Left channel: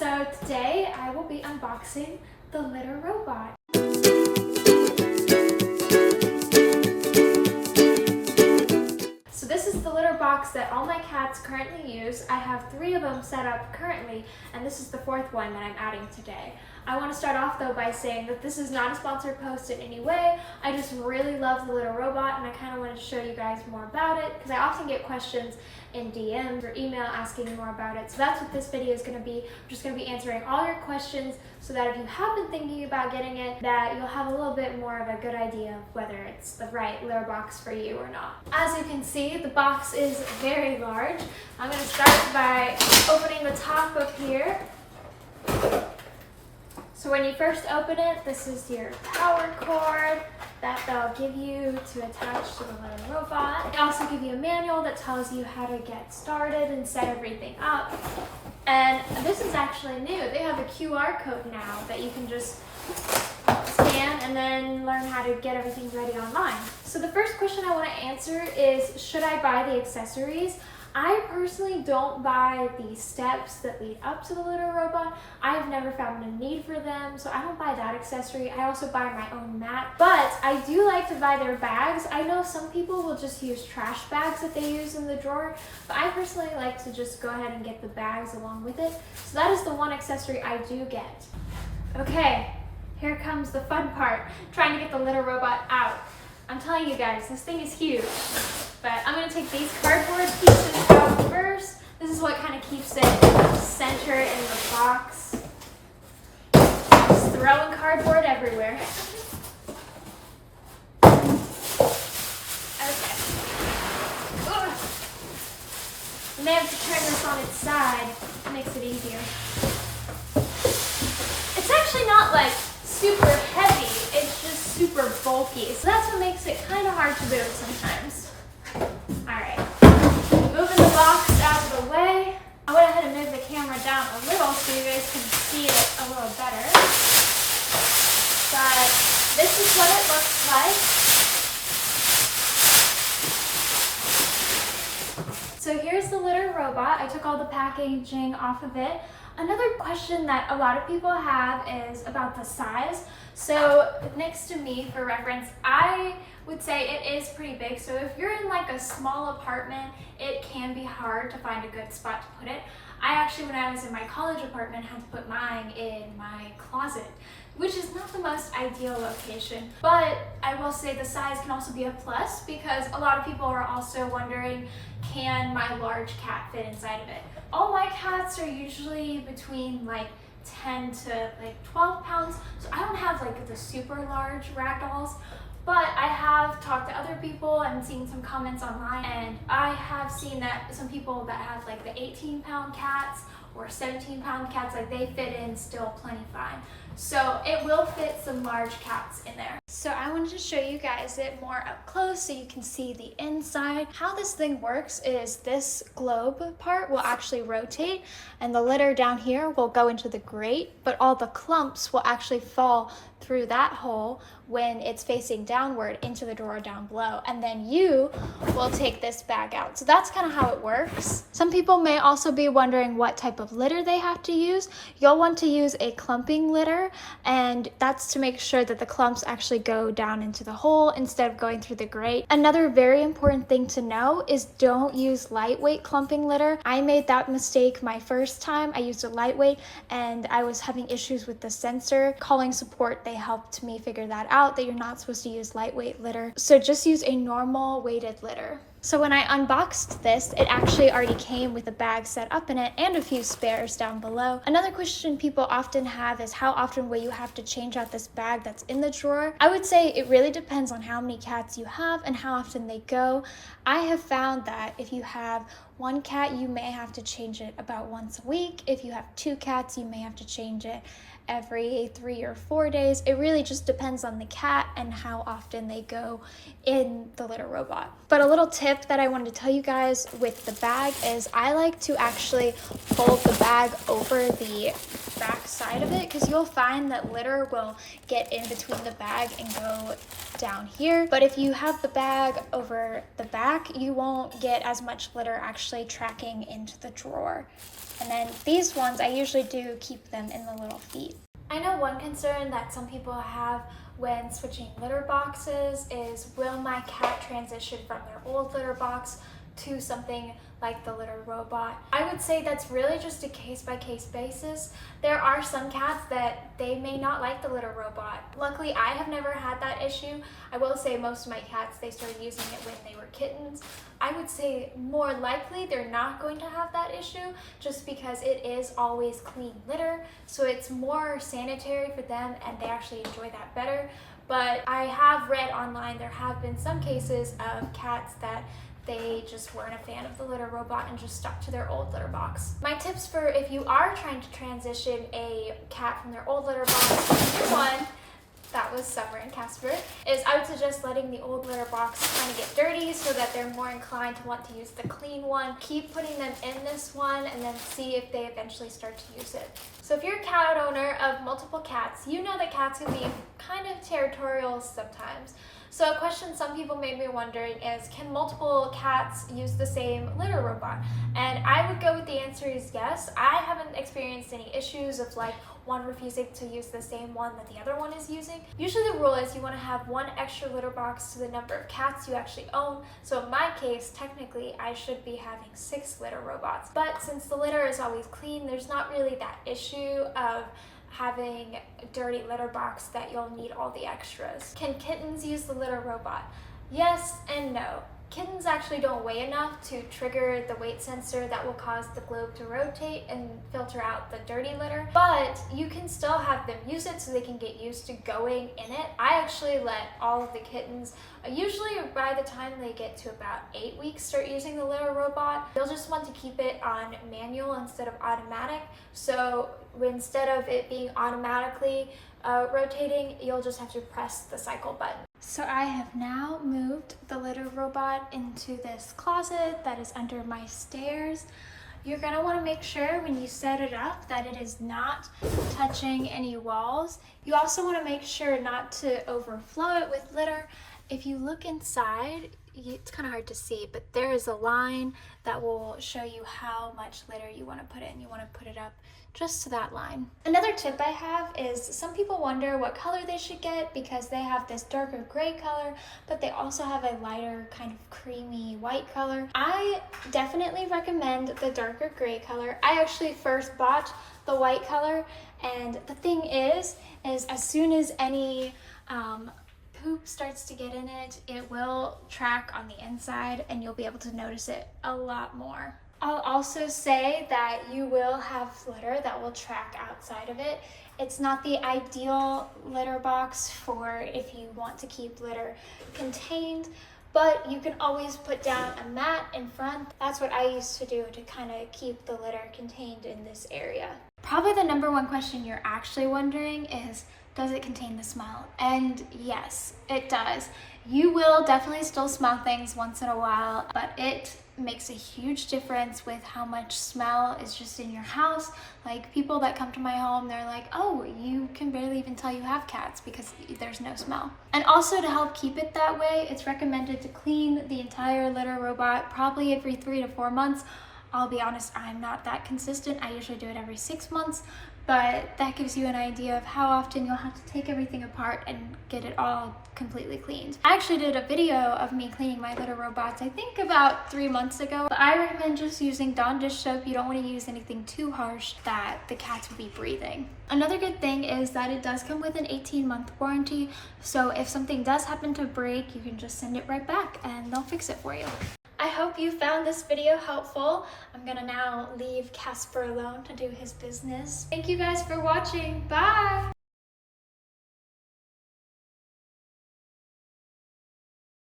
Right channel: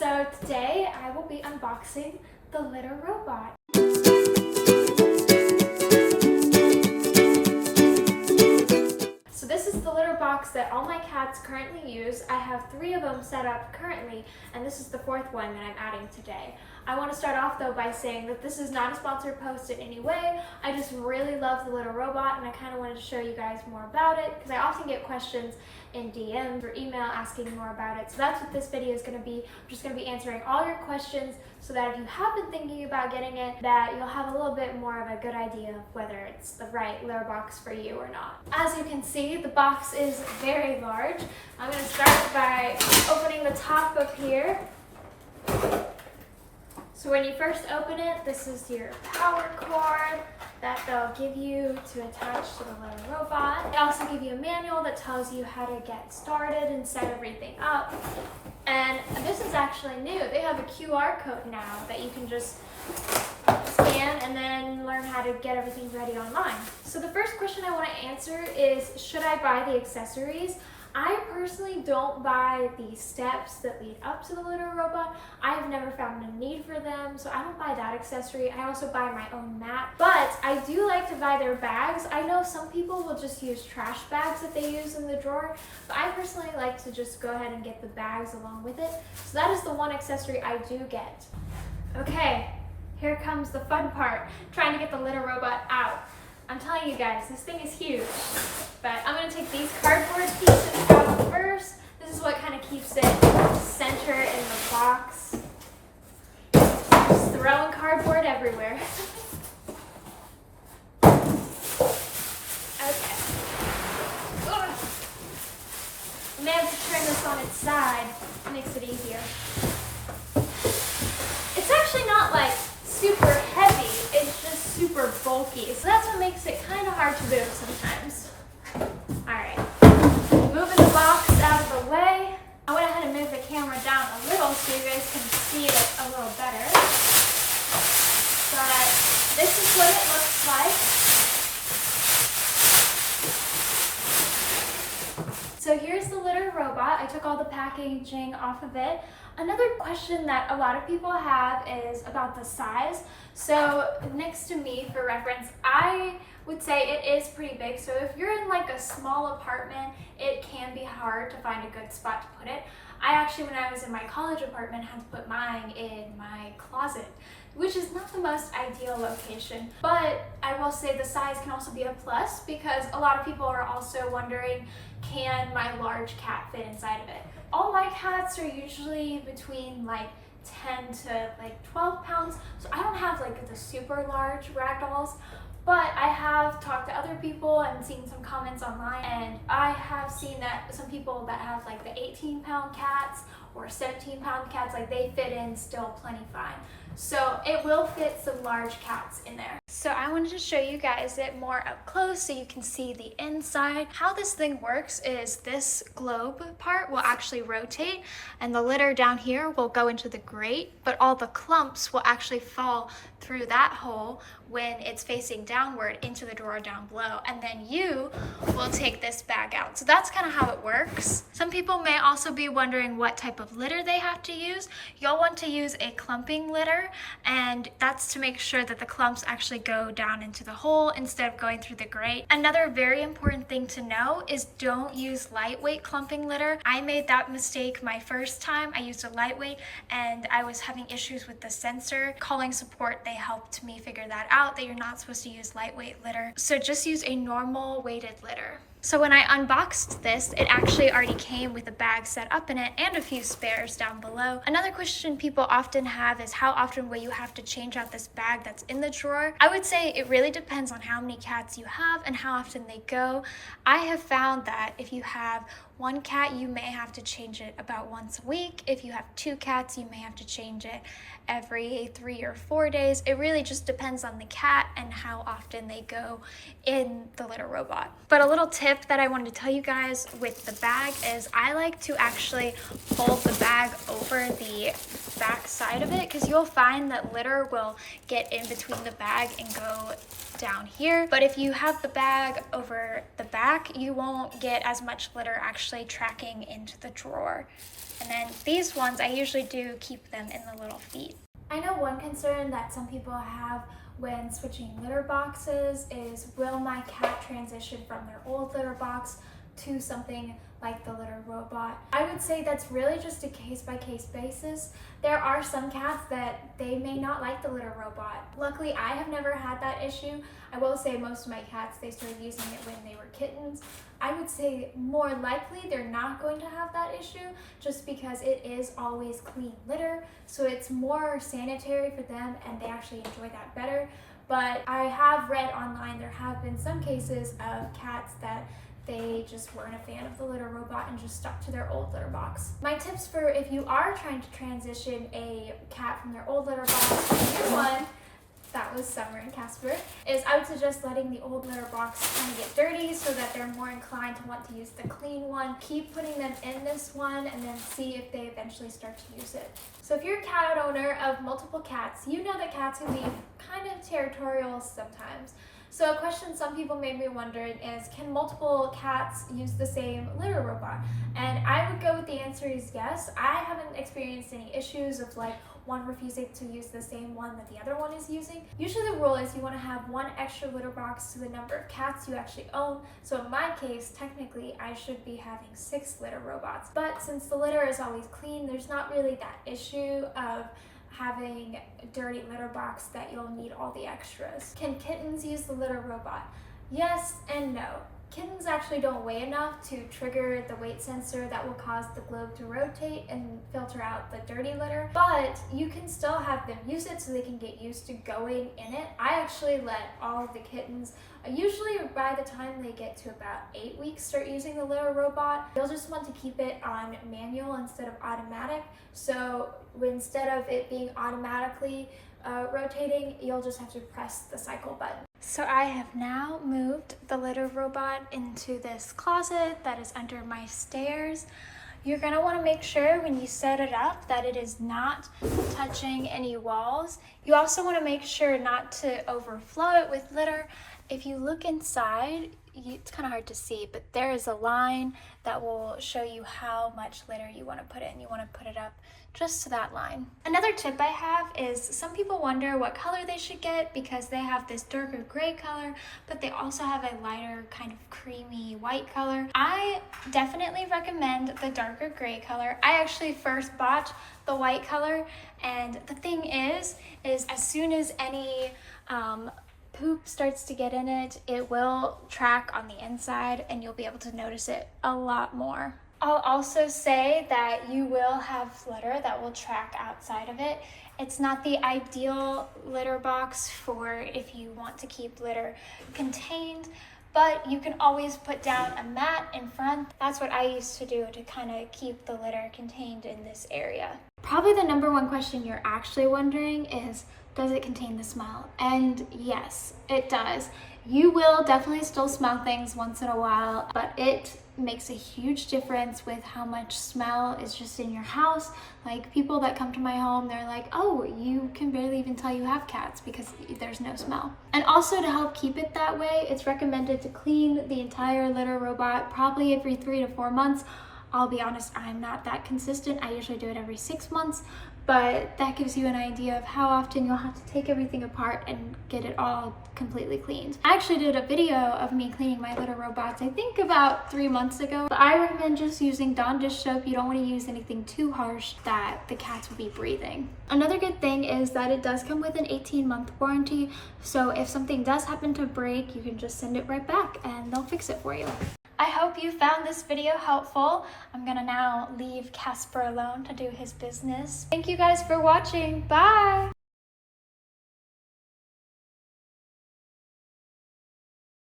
So today I will be unboxing the litter robot. So this is the litter box that all my cats currently use. I have 3 of them set up currently, and this is the 4th one that I'm adding today. I want to start off though by saying that this is not a sponsored post in any way. I just really love the litter robot and I kind of wanted to show you guys more about it because I often get questions in DMs or email asking more about it. So that's what this video is going to be. I'm just going to be answering all your questions so that if you have been thinking about getting it, that you'll have a little bit more of a good idea of whether it's the right litter box for you or not. As you can see, the box is very large. I'm going to start by opening the top up here. So when you first open it, this is your power cord that they'll give you to attach to the litter robot. They also give you a manual that tells you how to get started and set everything up. And this is actually new. They have a QR code now that you can just scan and then learn how to get everything ready online. So the first question I want to answer is, should I buy the accessories? I personally don't buy the steps that lead up to the litter robot. I have never found a need for them, so I don't buy that accessory. I also buy my own mat, but I do like to buy their bags. I know some people will just use trash bags that they use in the drawer, but I personally like to just go ahead and get the bags along with it. So that is the one accessory I do get. Okay, here comes the fun part, trying to get the litter robot out. I'm telling you guys, this thing is huge. But I'm going to take these cardboard pieces out first. This is what kind of keeps it centered in the box. Just throwing cardboard everywhere. Okay. Ugh. I may have to turn this on its side. It makes it easier. It's actually not like super heavy. It's just super bulky. So that's what makes it kind of hard to move sometimes. Alright, moving the box out of the way. I went ahead and moved the camera down a little so you guys can see it a little better. But this is what it looks like. So here's the litter robot. I took all the packaging off of it. Another question that a lot of people have is about the size. So next to me, for reference, I would say it is pretty big. So if you're in like a small apartment, it can be hard to find a good spot to put it. I actually, when I was in my college apartment, had to put mine in my closet, which is not the most ideal location. But I will say the size can also be a plus because a lot of people are also wondering, can my large cat fit inside of it? All my cats are usually between like 10 to like 12 pounds. So I don't have like the super large Ragdolls, but I have talked to other people and seen some comments online, and I have seen that some people that have like the 18-pound cats or 17-pound cats, like they fit in still plenty fine. So it will fit some large cats in there. So I wanted to show you guys it more up close so you can see the inside. How this thing works is this globe part will actually rotate and the litter down here will go into the grate, but all the clumps will actually fall through that hole when it's facing downward into the drawer down below, and then you will take this bag out. So that's kind of how it works. Some people may also be wondering what type of litter they have to use. You'll want to use a clumping litter, and that's to make sure that the clumps actually go down into the hole instead of going through the grate. Another very important thing to know is don't use lightweight clumping litter. I made that mistake my first time. I used a lightweight and I was having issues with the sensor. Calling support, they helped me figure that out, that you're not supposed to use lightweight litter. So just use a normal weighted litter. So when I unboxed this, it actually already came with a bag set up in it and a few spares down below. Another question people often have is, how often will you have to change out this bag that's in the drawer? I would say it really depends on how many cats you have and how often they go. I have found that if you have 1 cat, you may have to change it about once a week. If you have 2 cats, you may have to change it every 3 or 4 days. It really just depends on the cat and how often they go in the litter robot. But a little tip that I wanted to tell you guys with the bag is I like to actually fold the bag over the back side of it, because you'll find that litter will get in between the bag and go down here. But if you have the bag over the back, you won't get as much litter actually tracking into the drawer. And then these ones, I usually do keep them in the little feet. I know one concern that some people have when switching litter boxes is, will my cat transition from their old litter box to something like the litter robot? I would say that's really just a case-by-case basis. There are some cats that they may not like the litter robot. Luckily, I have never had that issue. I will say most of my cats, they started using it when they were kittens. I would say more likely they're not going to have that issue, just because it is always clean litter, so it's more sanitary for them and they actually enjoy that better. But I have read online there have been some cases of cats that they just weren't a fan of the litter robot and just stuck to their old litter box. My tips for if you are trying to transition a cat from their old litter box to a new one, that was Summer and Casper, is I would suggest letting the old litter box kind of get dirty so that they're more inclined to want to use the clean one. Keep putting them in this one and then see if they eventually start to use it. So if you're a cat owner of multiple cats, you know that cats can be kind of territorial sometimes. So a question some people may be wondering is, can multiple cats use the same litter robot? And I would go with the answer is yes. I haven't experienced any issues of like one refusing to use the same one that the other one is using. Usually the rule is you want to have one extra litter box to the number of cats you actually own. So in my case, technically I should be having 6 litter robots. But since the litter is always clean, there's not really that issue of having a dirty litter box that you'll need all the extras. Can kittens use the litter robot? Yes and no. Kittens actually don't weigh enough to trigger the weight sensor that will cause the globe to rotate and filter out the dirty litter, but you can still have them use it so they can get used to going in it. I actually let all of the kittens, usually by the time they get to about 8 weeks, start using the litter robot. You'll just want to keep it on manual instead of automatic, so instead of it being automatically rotating, you'll just have to press the cycle button. So I have now moved the litter robot into this closet that is under my stairs. You're going to want to make sure when you set it up that it is not touching any walls. You also want to make sure not to overflow it with litter. If you look inside, it's kind of hard to see, but there is a line that will show you how much litter you want to put in. You want to put it up just to that line. Another tip I have is some people wonder what color they should get because they have this darker gray color, but they also have a lighter kind of creamy white color. I definitely recommend the darker gray color. I actually first bought the white color, and the thing is as soon as any poop starts to get in it, it will track on the inside and you'll be able to notice it a lot more. I'll also say that you will have litter that will track outside of it. It's not the ideal litter box for if you want to keep litter contained, but you can always put down a mat in front. That's what I used to do to kind of keep the litter contained in this area. Probably the number one question you're actually wondering is, does it contain the smell? And yes, it does. You will definitely still smell things once in a while, but it makes a huge difference with how much smell is just in your house. Like people that come to my home, they're like, oh, you can barely even tell you have cats because there's no smell. And also to help keep it that way, it's recommended to clean the entire litter robot probably every 3 to 4 months. I'll be honest, I'm not that consistent. I usually do it every 6 months, but that gives you an idea of how often you'll have to take everything apart and get it all completely cleaned. I actually did a video of me cleaning my litter robots, I think about 3 months ago. But I recommend just using Dawn dish soap. You don't want to use anything too harsh that the cats will be breathing. Another good thing is that it does come with an 18-month warranty, so if something does happen to break, you can just send it right back and they'll fix it for you. I hope you found this video helpful. I'm gonna now leave Casper alone to do his business. Thank you guys for watching. Bye!